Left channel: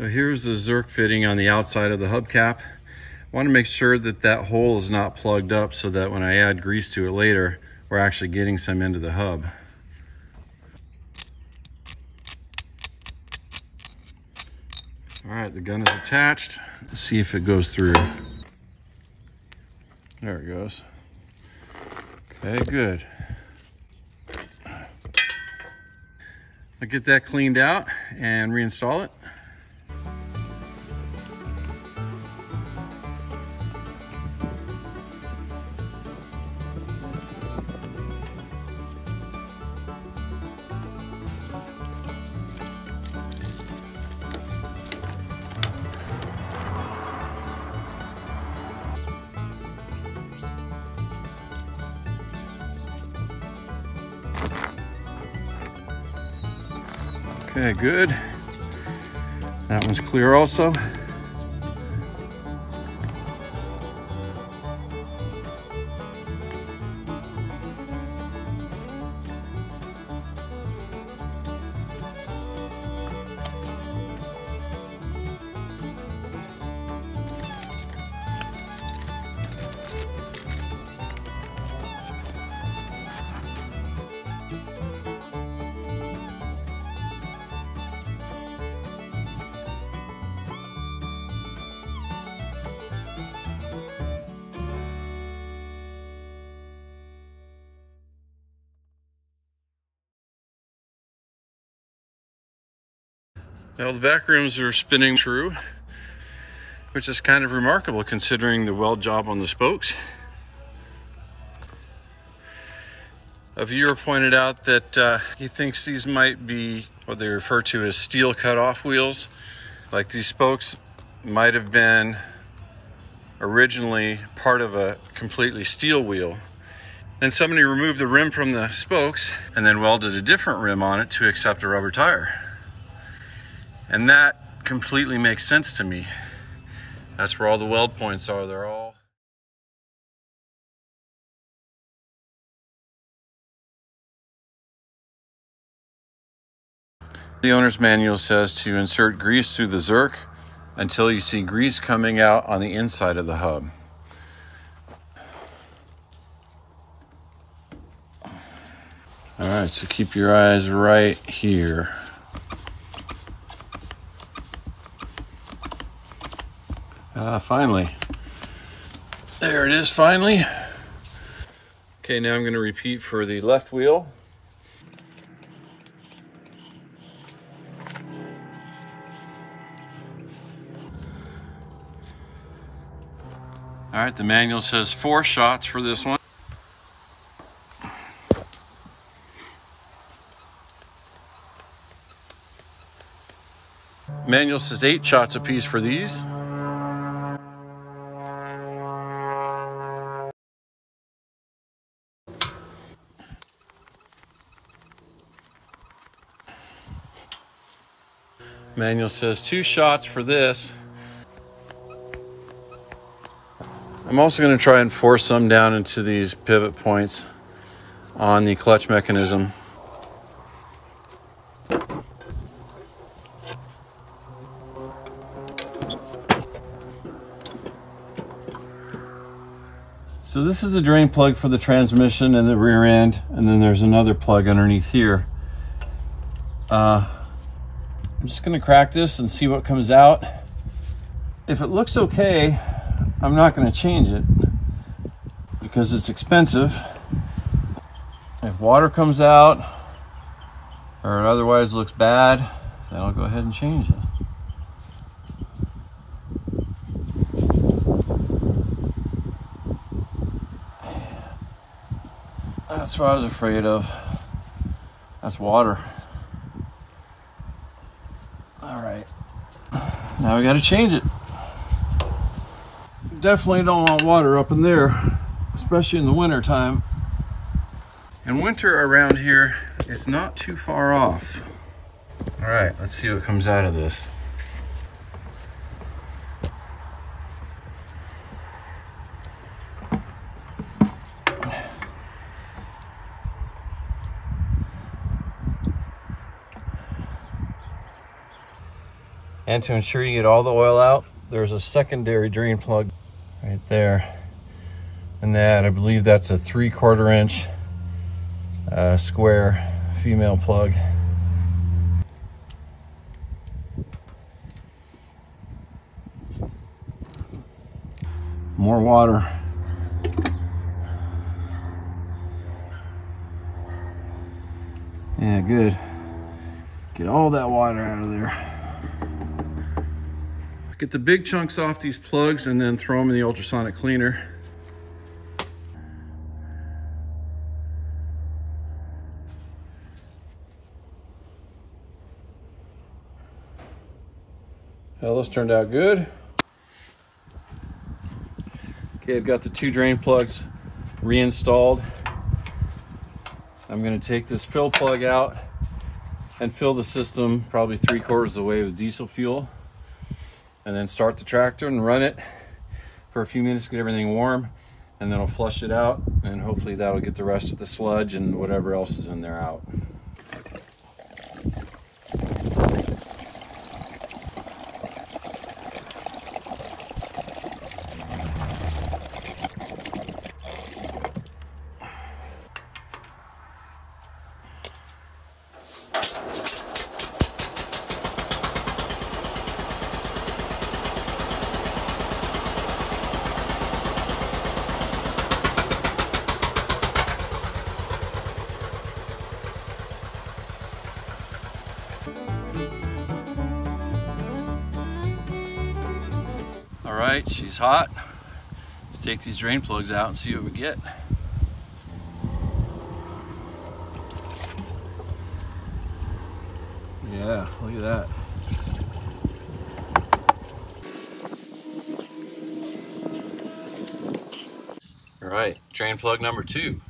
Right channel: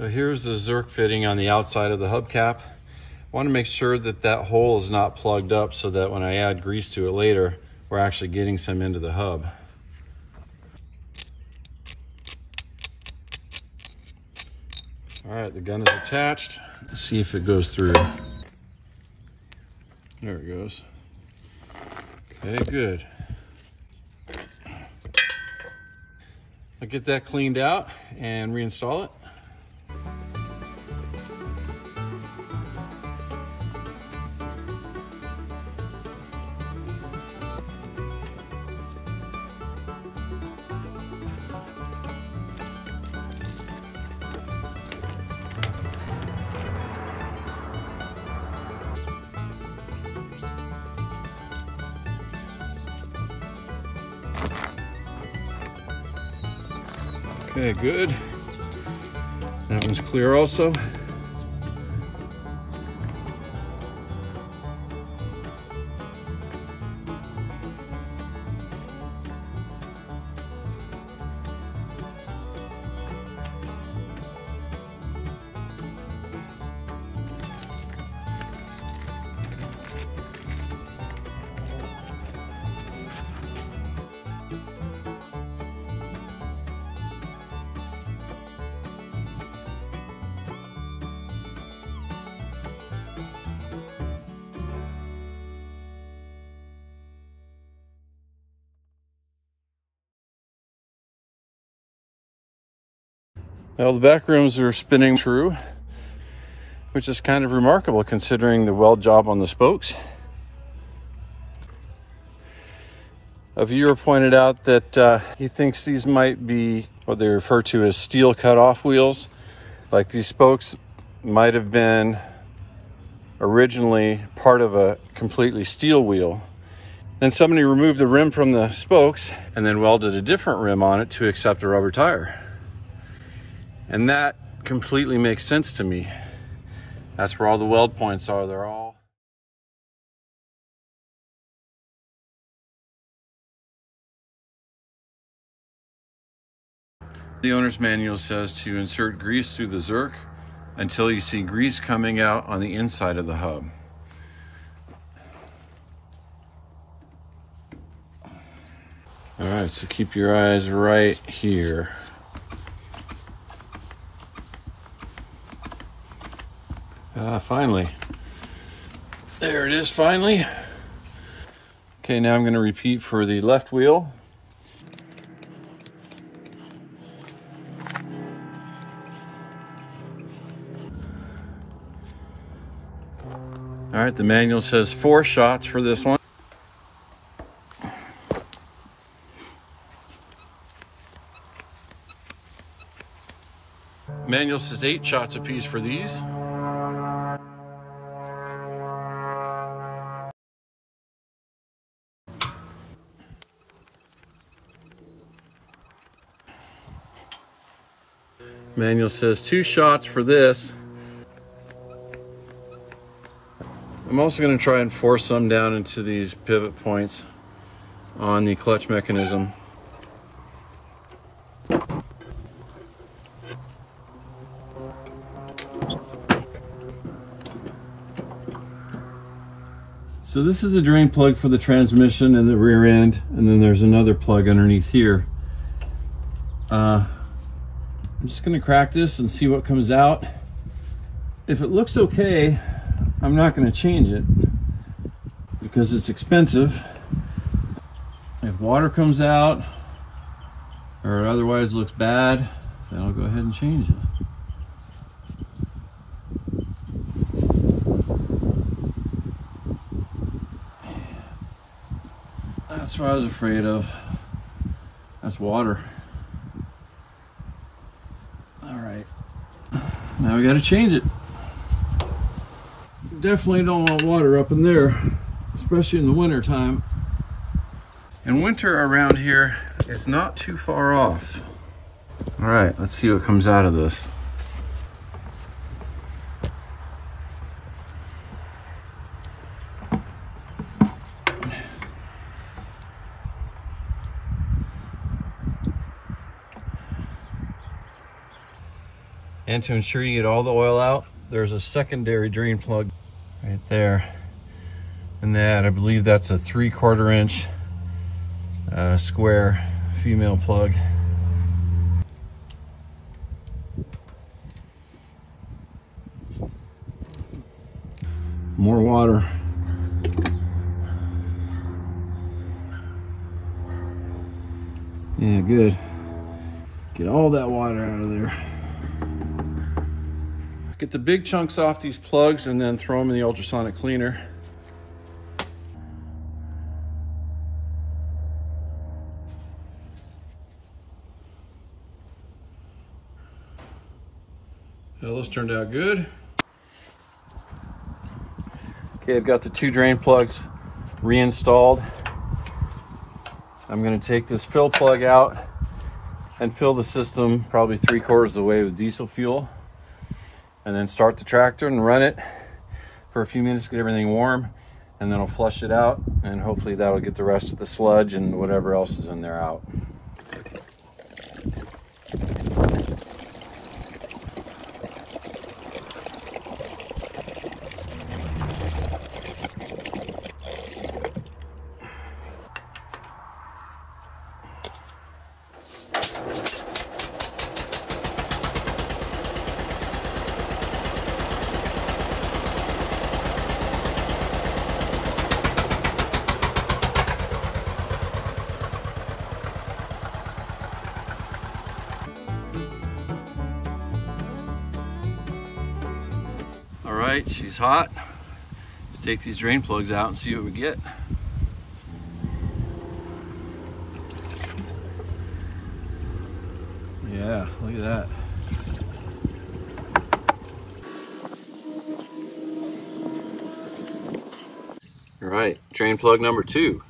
So here's the zerk fitting on the outside of the hubcap. I want to make sure that that hole is not plugged up so that when I add grease to it later, we're actually getting some into the hub. All right, the gun is attached. Let's see if it goes through. There it goes. Okay, good. We'll get that cleaned out and reinstall it. Okay, good. That one's clear also. Now the back rims are spinning true, which is kind of remarkable considering the weld job on the spokes. A viewer pointed out that he thinks these might be what they refer to as steel cutoff wheels. Like these spokes might have been originally part of a completely steel wheel. Then somebody removed the rim from the spokes and then welded a different rim on it to accept a rubber tire. And that completely makes sense to me. That's where all the weld points are. They're all... The owner's manual says to insert grease through the zerk until you see grease coming out on the inside of the hub. All right, so keep your eyes right here. Finally. There it is, finally. Okay, now I'm going to repeat for the left wheel. All right, the manual says 4 shots for this one. Manual says 8 shots apiece for these. Manual says 2 shots for this. I'm also going to try and force some down into these pivot points on the clutch mechanism. So this is the drain plug for the transmission and the rear end, and then there's another plug underneath here. I'm just going to crack this and see what comes out. If it looks okay, I'm not going to change it because it's expensive. If water comes out or it otherwise looks bad, then I'll go ahead and change it. That's what I was afraid of. That's water. All right, now we got to change it. Definitely don't want water up in there, especially in the winter time. And winter around here is not too far off. All right, let's see what comes out of this. And to ensure you get all the oil out, there's a secondary drain plug right there. And that, I believe that's a 3/4 inch square female plug. More water. Yeah, good. Get all that water out of there. Get the big chunks off these plugs and then throw them in the ultrasonic cleaner. Well, this turned out good. Okay, I've got the 2 drain plugs reinstalled. I'm going to take this fill plug out and fill the system probably 3/4 of the way with diesel fuel, and then start the tractor and run it for a few minutes, get everything warm, and then I'll flush it out, and hopefully that'll get the rest of the sludge and whatever else is in there out. All right, she's hot. Let's take these drain plugs out and see what we get. Yeah, look at that. All right, drain plug number 2.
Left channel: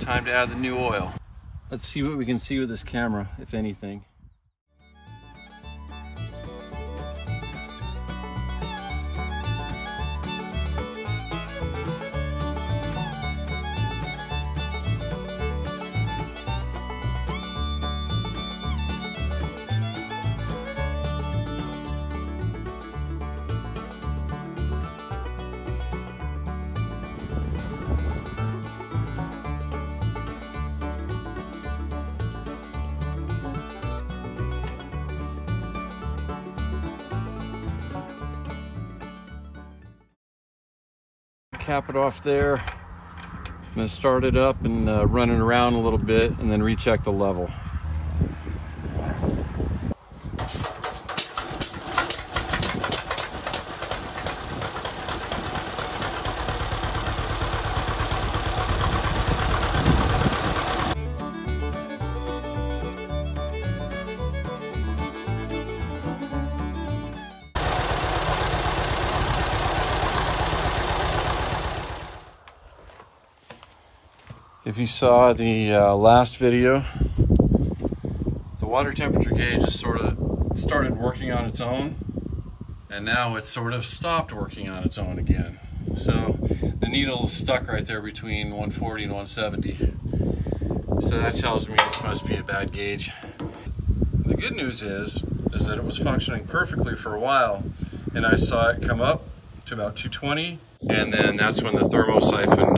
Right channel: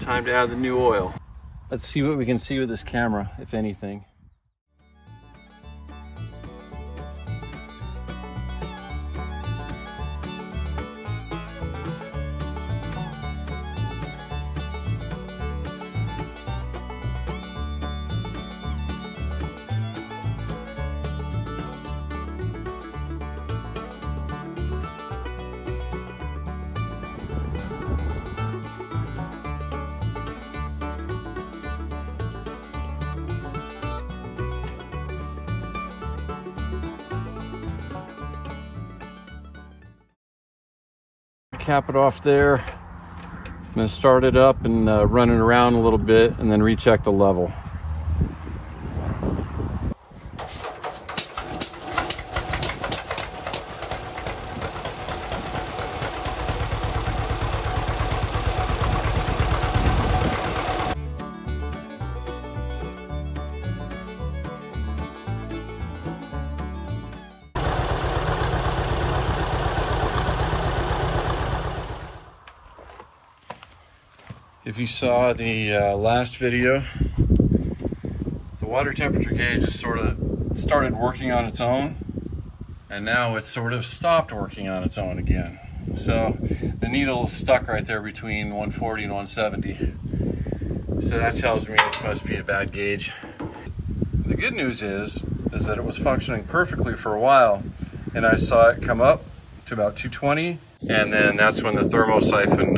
Time to add the new oil. Let's see what we can see with this camera, if anything. Cap it off there. I'm going to start it up and run it around a little bit and then recheck the level. If you saw the last video, the water temperature gauge has sort of started working on its own, and now it's sort of stopped working on its own again. So the needle is stuck right there between 140 and 170. So that tells me it must be a bad gauge. The good news is that it was functioning perfectly for a while, and I saw it come up to about 220, and then that's when the thermosiphon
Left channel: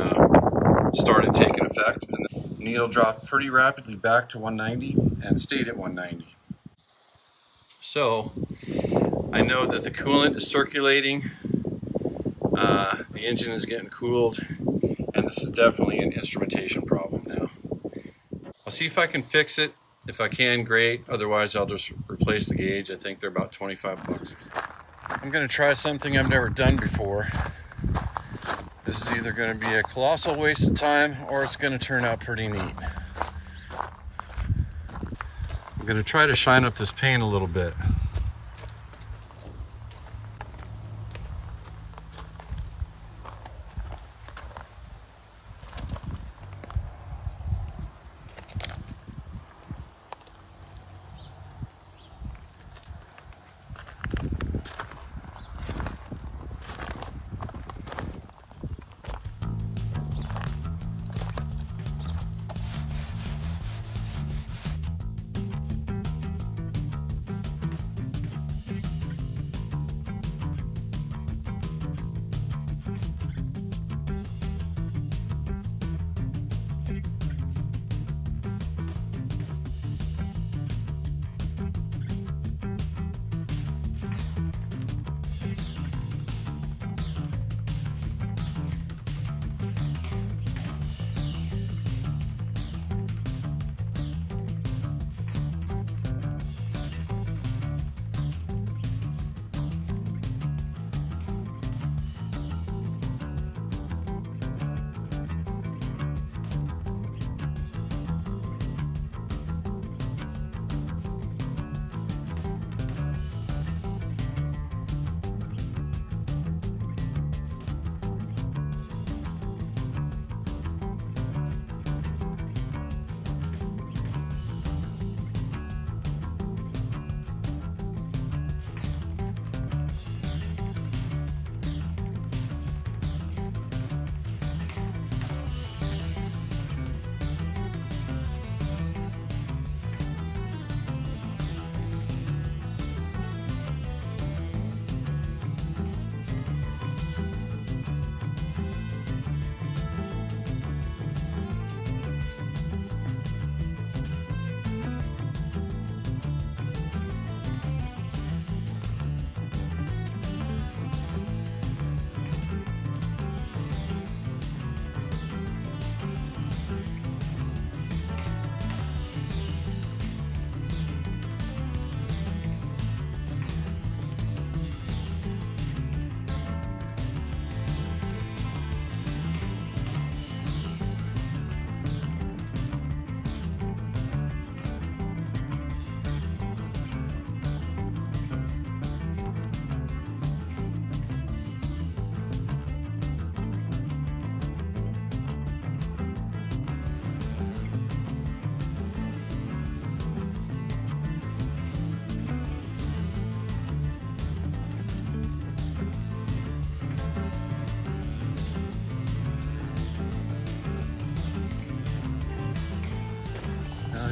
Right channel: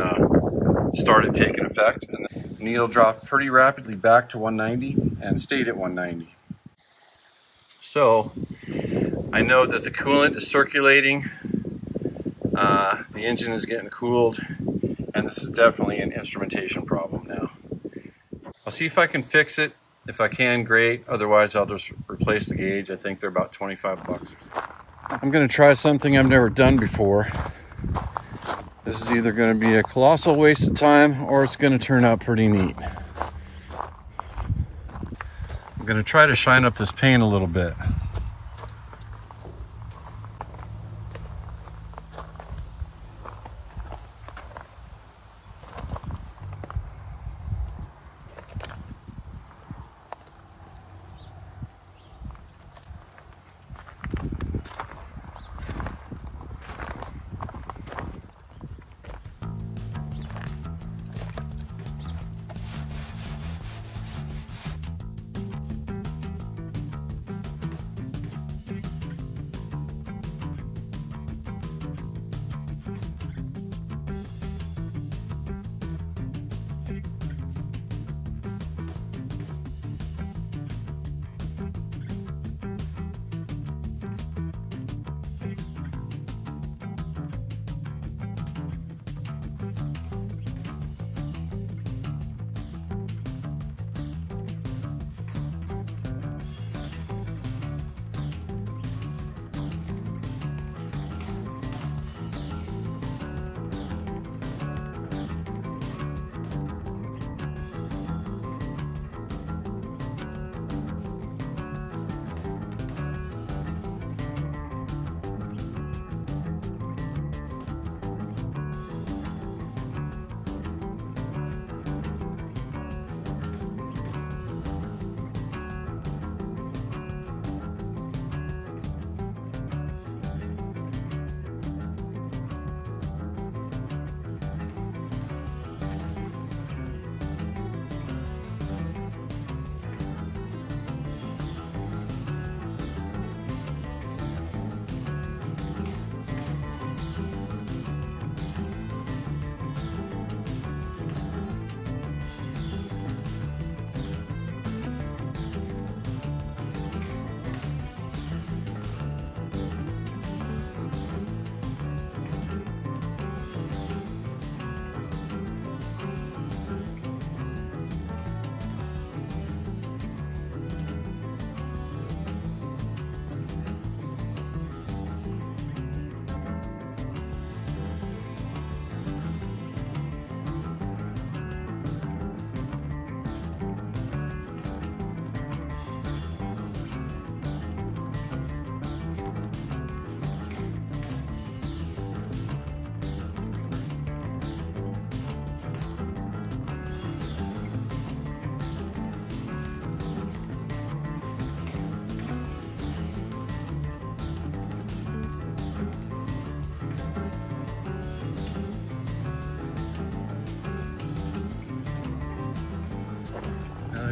started taking effect, and the needle dropped pretty rapidly back to 190 and stayed at 190. So I know that the coolant is circulating, the engine is getting cooled, and this is definitely an instrumentation problem now. I'll see if I can fix it. If I can, great. Otherwise, I'll just replace the gauge. I think they're about 25 bucks. I'm gonna try something I've never done before. This is either going to be a colossal waste of time or it's going to turn out pretty neat. I'm going to try to shine up this paint a little bit.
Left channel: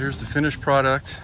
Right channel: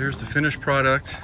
Here's the finished product.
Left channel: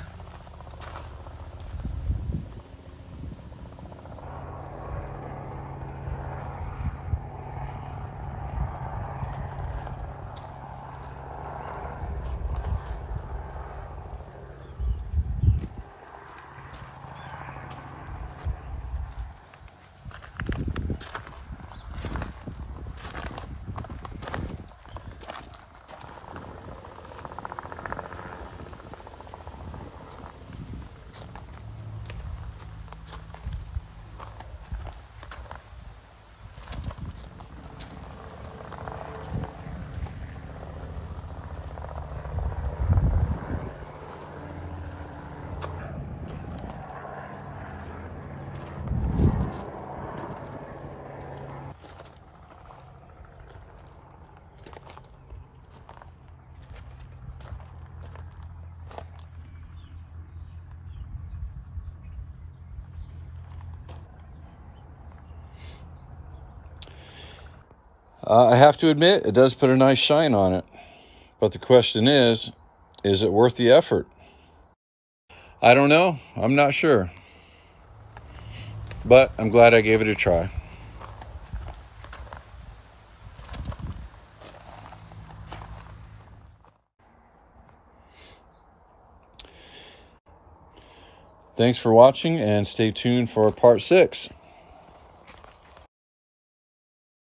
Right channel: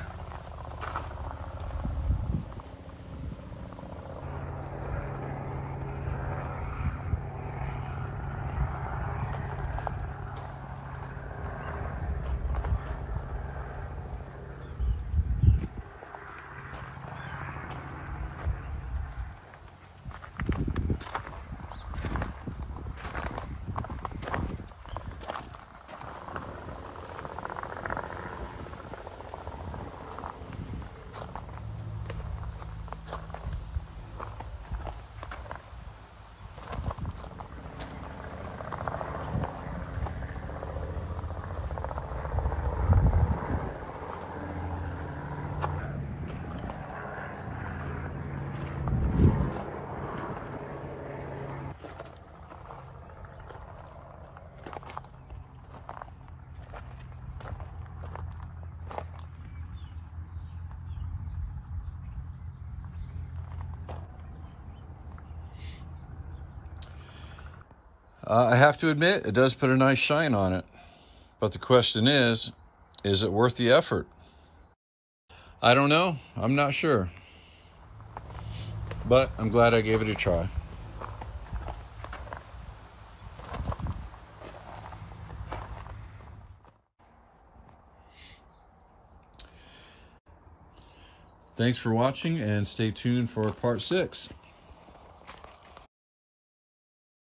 I have to admit, it does put a nice shine on it. But the question is it worth the effort? I don't know. I'm not sure. But I'm glad I gave it a try. Thanks for watching, and stay tuned for part 6.